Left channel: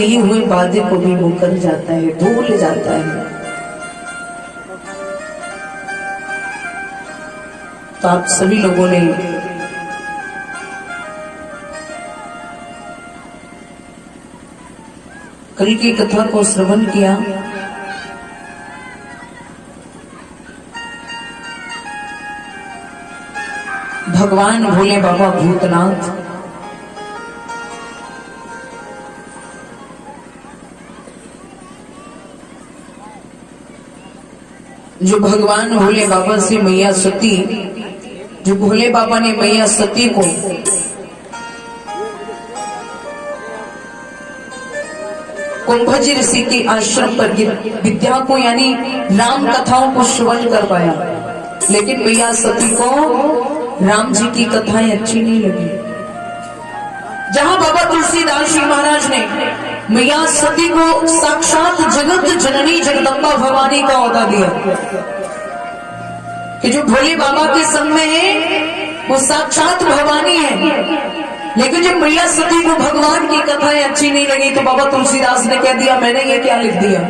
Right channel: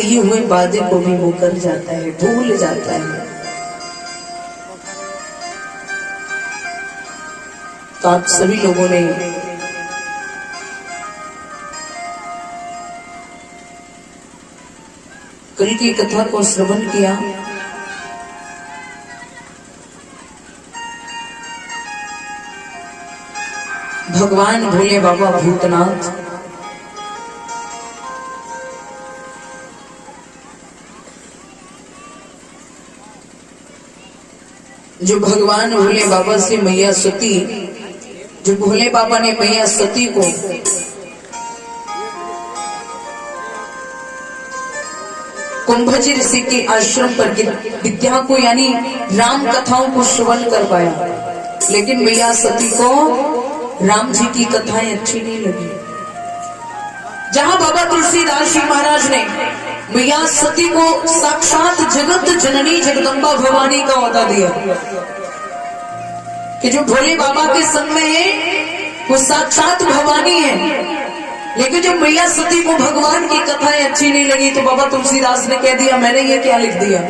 किए हुए वादे को भी मुकर जाता है, भूल जाता है। तो आप सभी लोगों ने कल की कथा को श्रवण किया। भगवान भोले बाबा भूतनाथ जो भगवान भोले बाबा से मैया सती, जो भोले बाबा ने मैया सती को कुंभजी ऋषि के आश्रम पर विद्या को यानी राम कथाओं को श्रवण कर पाया, लेकिन मैया सती को राम जी की कथाएं अच्छी नहीं लगी। जहां बाबा तुलसीदास जी महाराज ने मैया सती को साक्षात जगत जननी जगदम्बा भवानी का औहदा दिया कि जो भोले बाबा के संग में है वो साक्षात भवानी है, लेकिन जो मैया सती को भगवान की कथाएं अच्छी नहीं लगी तो बाबा तुलसीदास ने कह दिया मैंने ये क्या लिख दिया,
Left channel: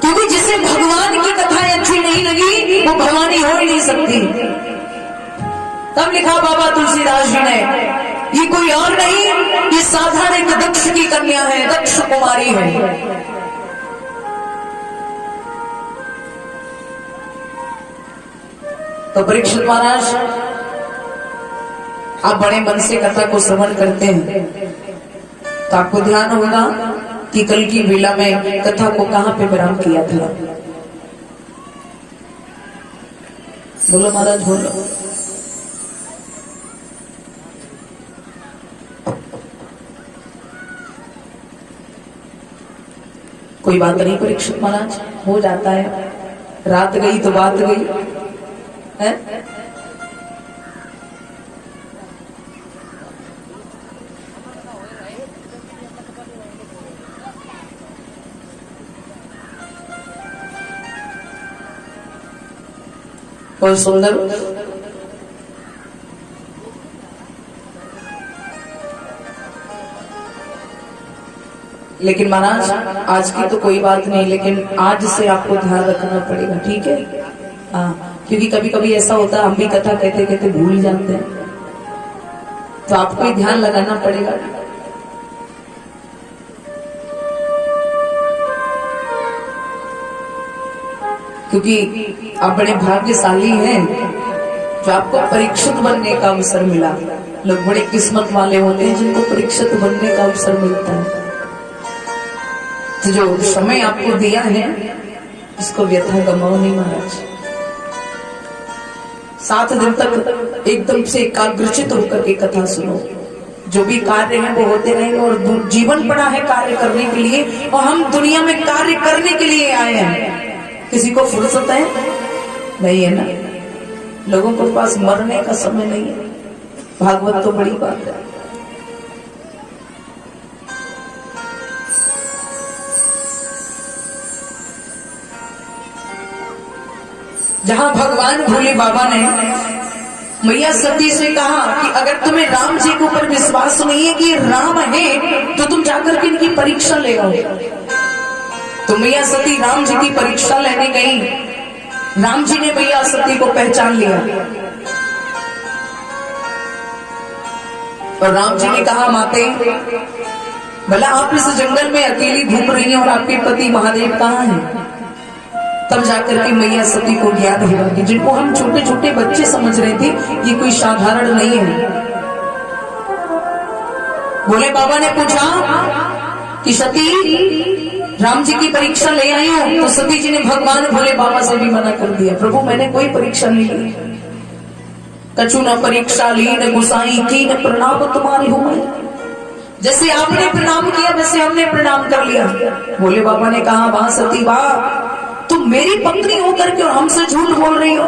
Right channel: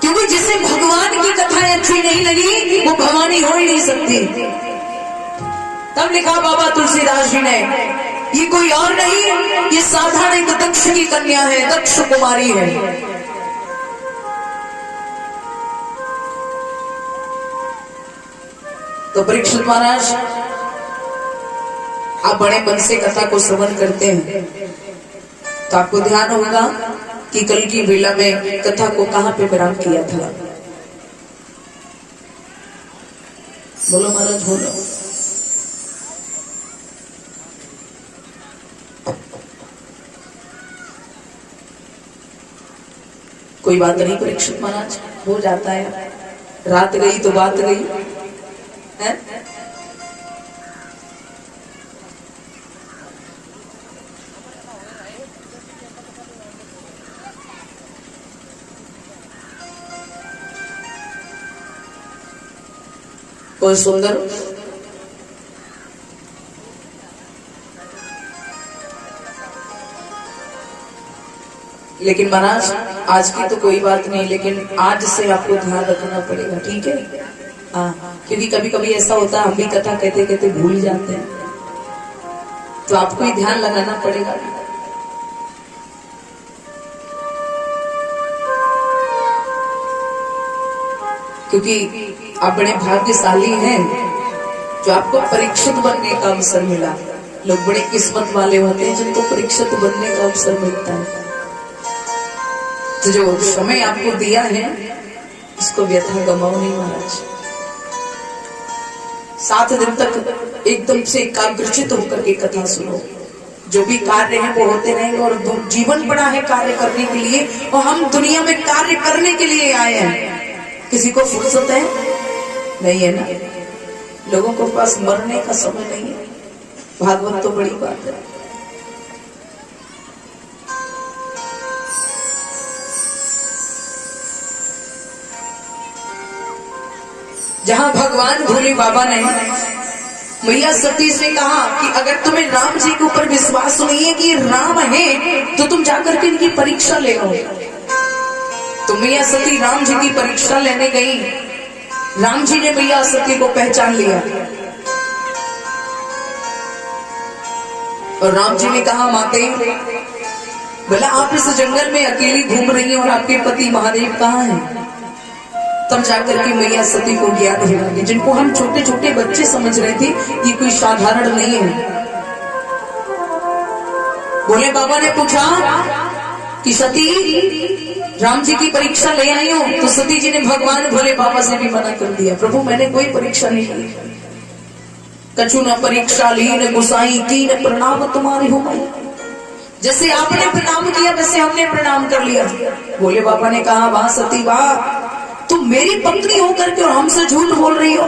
क्योंकि जिसे भगवान की कथाएं अच्छी नहीं लगी वो भवानी हो ही नहीं सकती। तब लिखा बाबा तुलसीदास जी ने, ये कोई और नहीं, ये साधारण एक दक्ष की कन्या है, दक्ष कुमारी है। तो परीक्षित महाराज आप बड़े मन से कथा को श्रवण करते हैं तो आपको ध्यान होगा कि कल की वेला में कथा को कहां पे विराम किया था। बोलो महाराज बोलो। कोई बात नहीं परीक्षित महाराज, हो जाता है, रात गई तो बात गई है। बहुत सुंदर। लेकिन महाराज आज की तो कोई बात नहीं, लेकिन आज से आपको ध्यान रखना पड़ेगा, ठीक है? हाँ, क्योंकि कभी कभी ऐसा होता है हम भी कथा कहते कहते भूल जाते हैं, तो आपको ही ध्यान लगाना पड़ेगा। क्योंकि आप बड़े भाग्यशाली हैं जो आपको परीक्षित बनने का अवसर मिला। लोग बड़े किस्मत वाले होते हैं जिनको परीक्षित बनने का अवसर मिलता है। तो जो समय आपको दिया है इसको व्यथा गमाओ नहीं महाराज। 7 दिन तक एकदम से एकाग्रचित होकर के कथा सुनो। जो भी कार्य है वो होते रहेंगे और जीवन पड़ा है कार्य करने के लिए, और हम दुनिया में कार्य करने के लिए आए हैं। किसी को फुर्सत है? नहीं है ना। लोगों के पास मरने का समय नहीं है। भागवत तो बड़ी बात है। जहां भगवान भोले बाबा ने मैया सती से कहा कि अगर तुम्हें राम जी के ऊपर विश्वास नहीं है कि राम है तो तुम जाकर के इनकी परीक्षा ले आओ। तो मैया सती राम जी की परीक्षा लेने गई। राम जी ने मैया सती को पहचान लिया और राम जी ने कहा माते भला आप इस जंगल में अकेली घूम रही हैं और आपके पति महादेव कहाँ हैं? तब जाकर के मैया सती को ज्ञान हुआ कि जिनको हम छोटे छोटे बच्चे समझ रहे थे ये कोई साधारण नहीं है। भोले बाबा ने पूछा कि सती राम जी की परीक्षा ले आई हो? तो सती जी ने भगवान भोले बाबा से भी मना कर दिया, प्रभु मैंने कोई परीक्षा नहीं ली। कछु न परीक्षा ली न गुसाई की न प्रणाम तुम्हारी हो गई। जैसे आपने प्रणाम किया वैसे हमने प्रणाम कर लिया। भोले बाबा ने कहा वाह सती वाह, तुम मेरी पत्नी होकर के और हमसे झूठ बोल रही हो।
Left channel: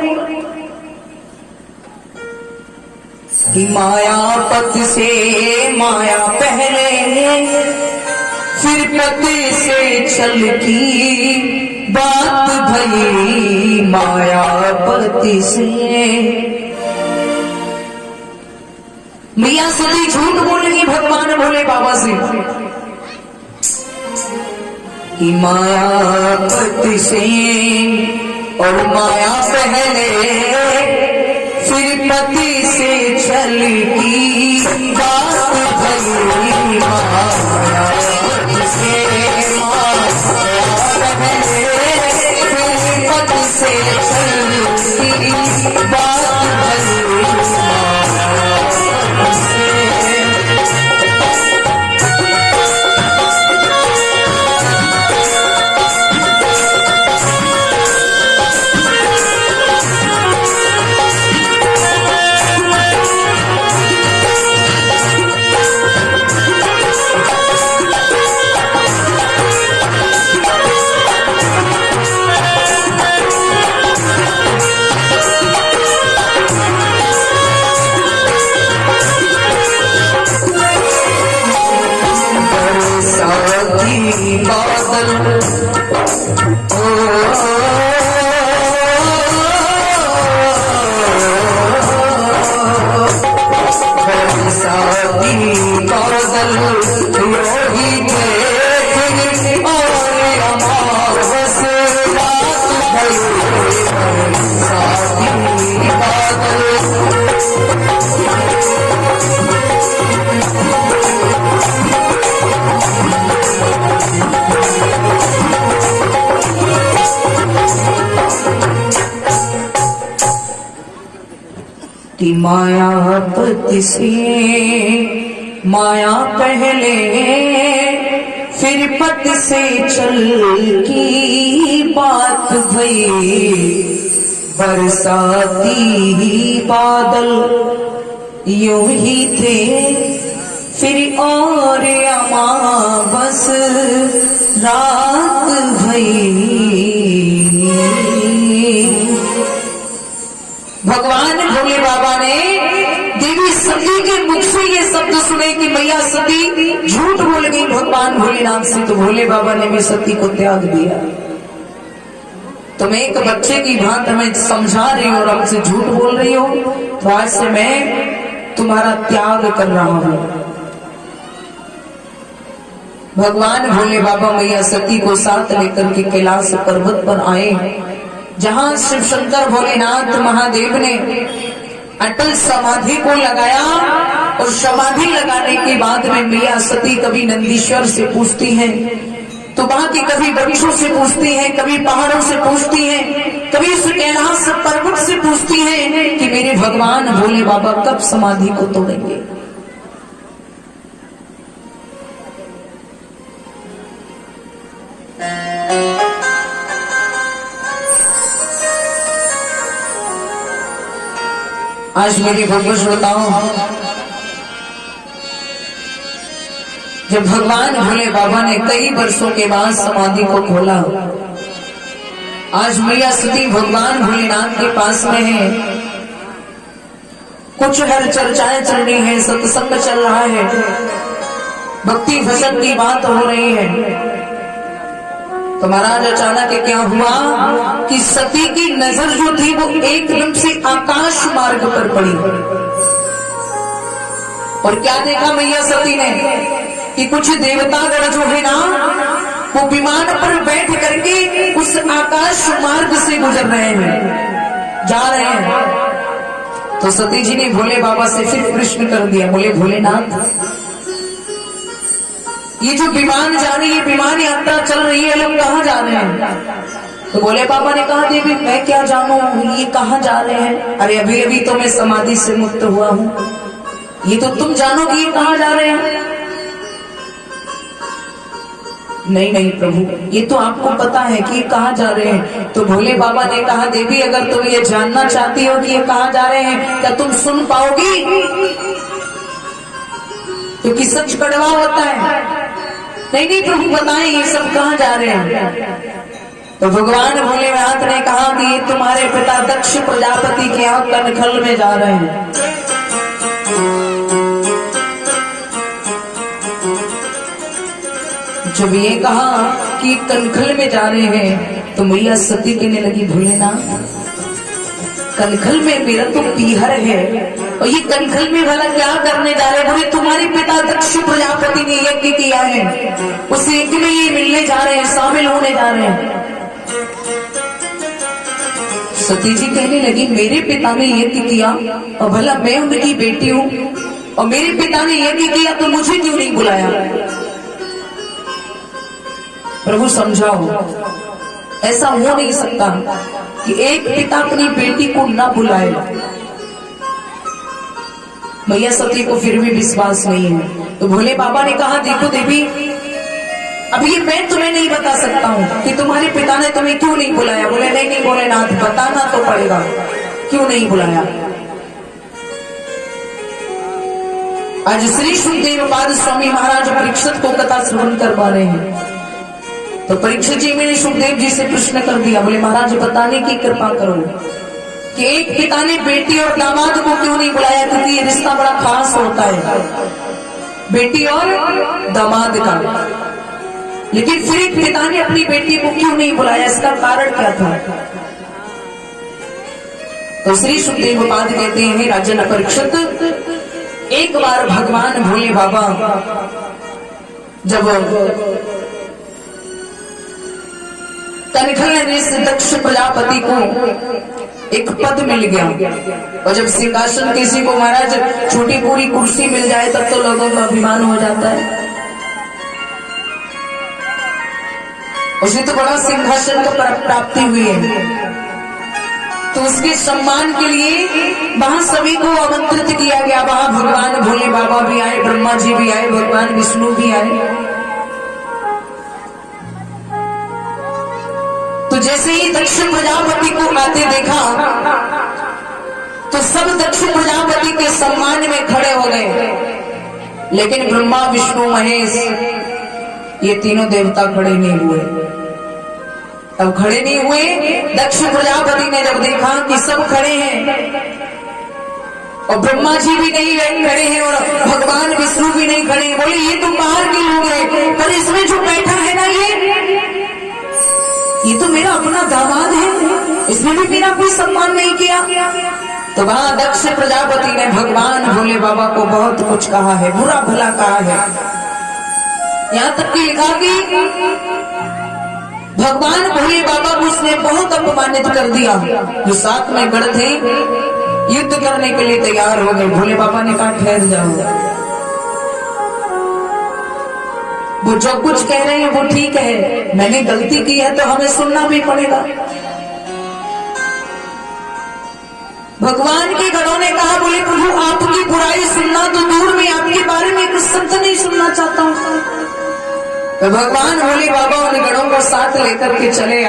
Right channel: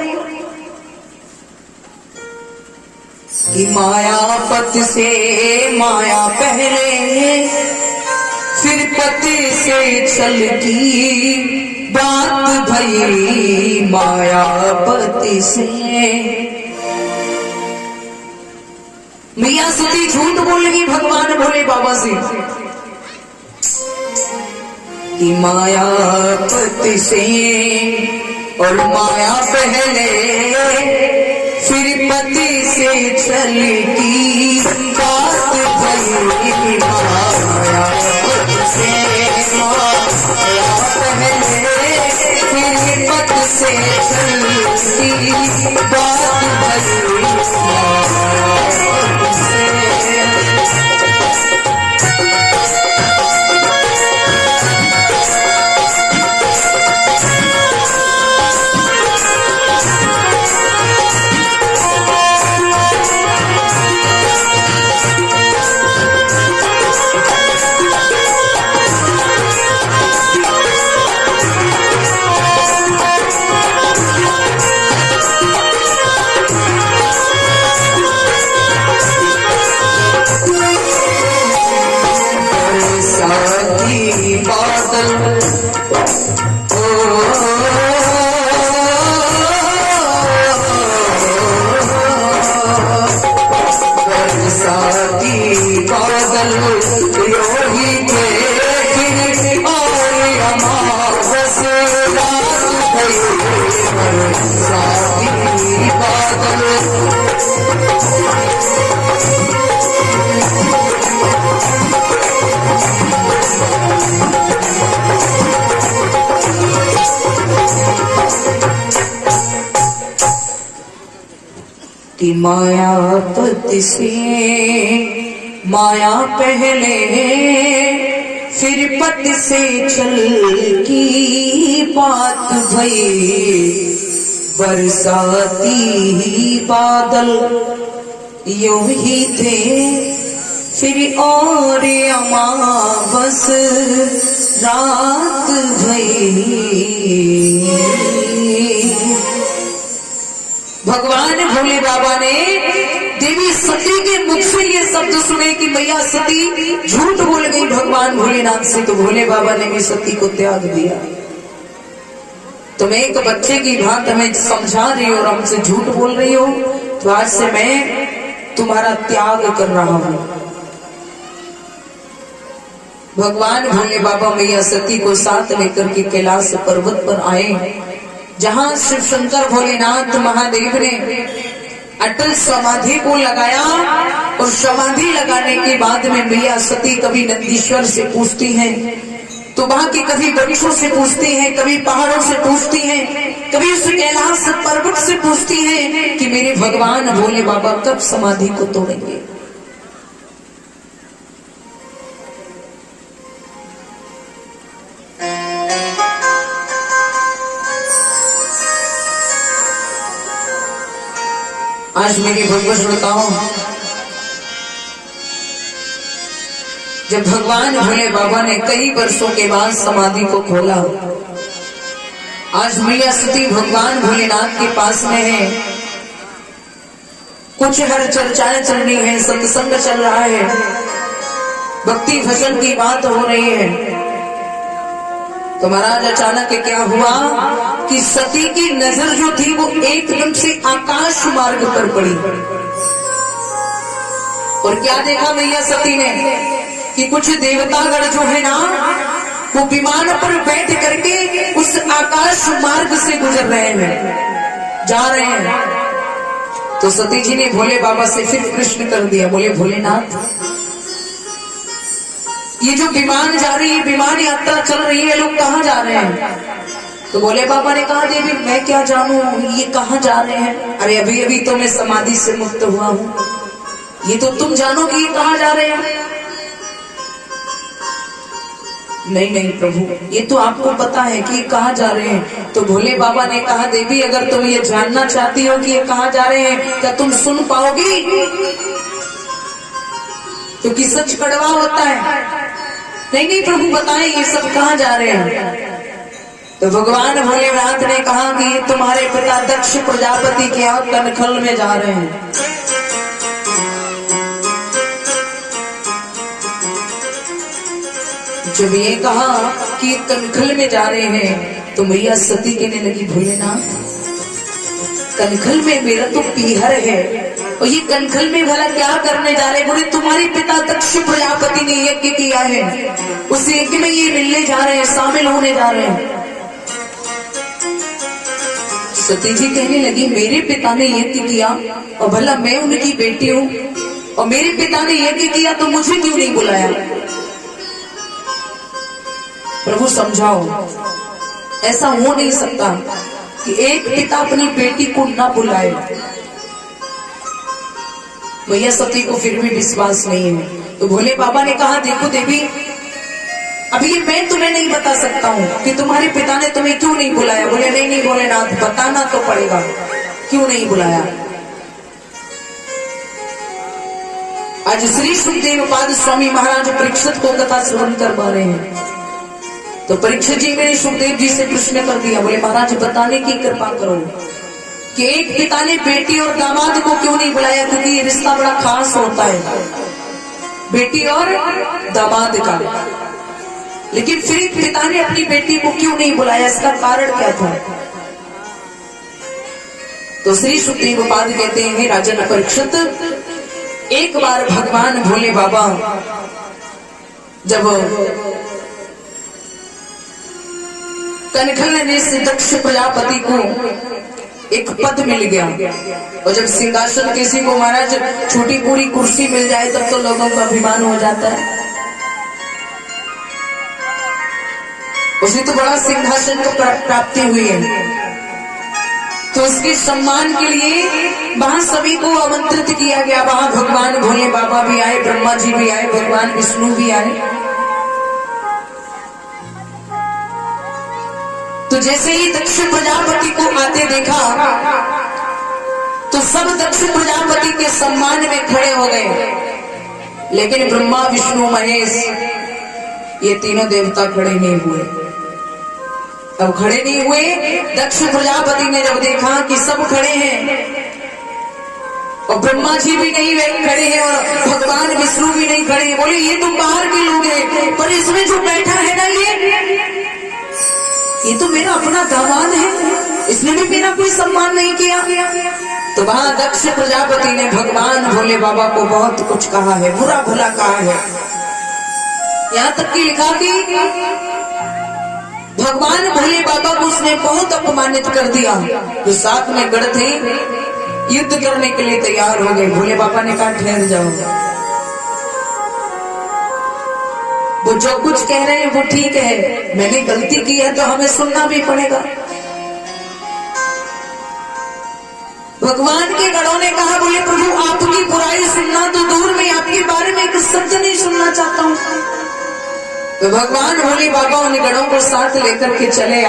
कि मायापति से माया पहले फिर पति से चल की बात भई मायापति से। मैया सती झूठ बोलेगी भगवान भोले बाबा से कि मायापति से और माया पहले फिर पति से चलती बात भई मायापति से पहले फिर पति से चलती बात भई कि मायापति से माया पहले फिर पति से चल की बात भई बरसाती ही बादल यूं ही थे फिर और अमावस रात भई। भगवान भोले बाबा ने देवी सती के मुख से ये शब्द सुने कि मैया सती झूठ बोल गई भगवान भोलेनाथ से, तो भोले बाबा ने भी सती को त्याग दिया। तुम एक बच्चे की भांति हमें समझा रही हो और हमसे झूठ बोल रही हो, तो आज से मैं तुम्हारा त्याग कर रहा हूं। भगवान भोले बाबा मैया सती को साथ लेकर के कैलाश पर्वत पर आए, जहां शिव शंकर भोलेनाथ महादेव ने अटल समाधि को लगाया। और समाधि लगाने के बाद में मैया सती कभी नंदीश्वर से पूछती हैं, तो वहां की कभी वृक्षों से पूछती हैं, कभी पहाड़ों से पूछती हैं, कभी उस कैलाश पर्वत से पूछती हैं कि मेरे भगवान भोले बाबा कब समाधि को तोड़ेंगे। आज मेरी भगवत बताओ, जब भगवान भोले बाबा ने कई वर्षों के बाद समाधि को खोला, आज मैया सती भगवान भोलेनाथ के पास में है। कुछ हर चर्चाएं चल रही है, सत्संग चल रहा है, भक्ति भजन की बात हो रही है। तो महाराज अचानक क्या हुआ कि सती की नजर जो थी वो एकदम से आकाश मार्ग पर पड़ी। और क्या देखा मैया सती ने कि कुछ देवतागण जो है ना, वो विमान पर बैठ करके उस आकाश मार्ग से गुजर रहे हैं, जा रहे हैं। तो सती जी ने भोले बाबा से फिर प्रश्न कर दिया, बोले भोलेनाथ, ये जो विमान जा रही है, विमान यात्रा चल रही है, लोग कहाँ जा रहे हैं? तो भोले बाबा ने कहा, देवी मैं क्या जानू ये कहाँ जा रहे हैं? अरे अभी अभी तो मैं समाधि से मुक्त हुआ हूँ, ये तो तुम जानो कि ये कहाँ जा रहे हैं। नहीं नहीं प्रभु, ये तो आपको पता है कि ये कहाँ जा रहे हैं। तो भोले बाबा ने कहा, देवी अगर तुम ये जानना चाहती हो कि ये कहाँ जा रहे हैं, क्या तुम सुन पाओगी? क्योंकि सच कड़वा होता है। नहीं नहीं प्रभु बताएं ये सब कहाँ जा रहे हैं। तो भगवान भोलेनाथ ने कहा कि ये तुम्हारे पिता दक्ष प्रजापति के यहाँ कनखल में जा रहे हैं। जब ये कहा कि कनखल में जा रहे हैं, तो मैया सती कहने लगी, भोलेनाथ कनखल में मेरा तो पीहर है, और ये कनखल में भला क्या करने जा रहे? बोले तुम्हारे पिता दक्ष प्रजापति ने यज्ञ किया है, उस यज्ञ में ये मिलने जा रहे हैं, शामिल होने जा रहे हैं। सती जी कहने लगी मेरे पिता ने यज्ञ किया और भला मैं उनकी बेटी हूं, और मेरे पिता ने यज्ञ किया तो मुझे क्यों नहीं बुलाया? प्रभु समझाओ, ऐसा हो नहीं सकता कि एक पिता अपनी बेटी को ना बुलाए। मैया सती को फिर भी विश्वास नहीं है, तो भोले बाबा ने कहा देखो देवी, अभी ये मैं तुम्हें नहीं बता सकता हूँ कि तुम्हारे पिता ने तुम्हें क्यों नहीं बुलाया। बोले नहीं भोलेनाथ, बताना तो पड़ेगा क्यों नहीं बुलाया। आज श्री सुखदेव पाद स्वामी महाराज परीक्षित को कथा श्रवण करवा रहे हैं, तो परीक्षित जी ने सुखदेव जी से प्रश्न कर दिया, बोले महाराज बताने की कृपा करो कि एक पिता ने बेटी और दामाद को क्यों नहीं बुलाया, क्योंकि ये रिश्ता बड़ा खास होता है बेटी और दामाद का। लेकिन फिर एक पिता ने अपनी बेटी को क्यों नहीं बुलाया, इसका कारण क्या था? तो श्री सुखदेव पाद कहते हैं राजन परीक्षित, एक बार भगवान भोले बाबा जब कनखल ने से दक्ष प्रजापति को एक पद मिल गया, और जब सिंहासन किसी को महाराज छोटी पूरी कुर्सी मिल जाए तब तो लोगों का अभिमान हो जाता है। उसे तो बड़ा सिंहासन को प्राप्ति हुई है, तो उसके सम्मान के लिए वहां सभी को आमंत्रित किया गया। वहां भगवान भोले बाबा भी आए, ब्रह्मा जी भी आए, भगवान विष्णु भी आए। तो जैसे ही दक्ष प्रजापति को आते देखा तो सब दक्ष प्रजापति के सम्मान में खड़े हो गए, लेकिन ब्रह्मा विष्णु महेश ये तीनों देवता खड़े नहीं हुए। अब खड़े नहीं हुए, दक्ष प्रजापति ने जब देखा कि सब खड़े हैं और ब्रह्मा जी भी नहीं खड़े हैं और भगवान विष्णु भी नहीं खड़े, बोले ये तो बाहर के लोग हैं, पर इसमें जो बैठा है ना ये तो मेरा अपना दामाद है, इसने भी मेरा कोई सम्मान नहीं किया। तो वहां दक्ष प्रजापति ने भगवान भोले बाबा को बहुत कुछ कहा है, बुरा भला कहा है। यहाँ तक कि लिखा कि भगवान भोले बाबा को उसने बहुत अपमानित कर दिया। जो साथ में गढ़ थे युद्ध करने के लिए तैयार हो गए। भोले बाबा ने कहा ठहर जाओ, वो जो कुछ कह रहे हैं वो ठीक है, मैंने गलती की है तो हमें सुनना भी पड़ेगा। भगवान के गणों ने कहा बोले प्रभु आपकी बुराई सुनना तो दूर, में आपके बारे में कुछ शब्द नहीं सुनना चाहता हूँ। तो भगवान भोले बाबा उन गणों को साथ लेकर के चले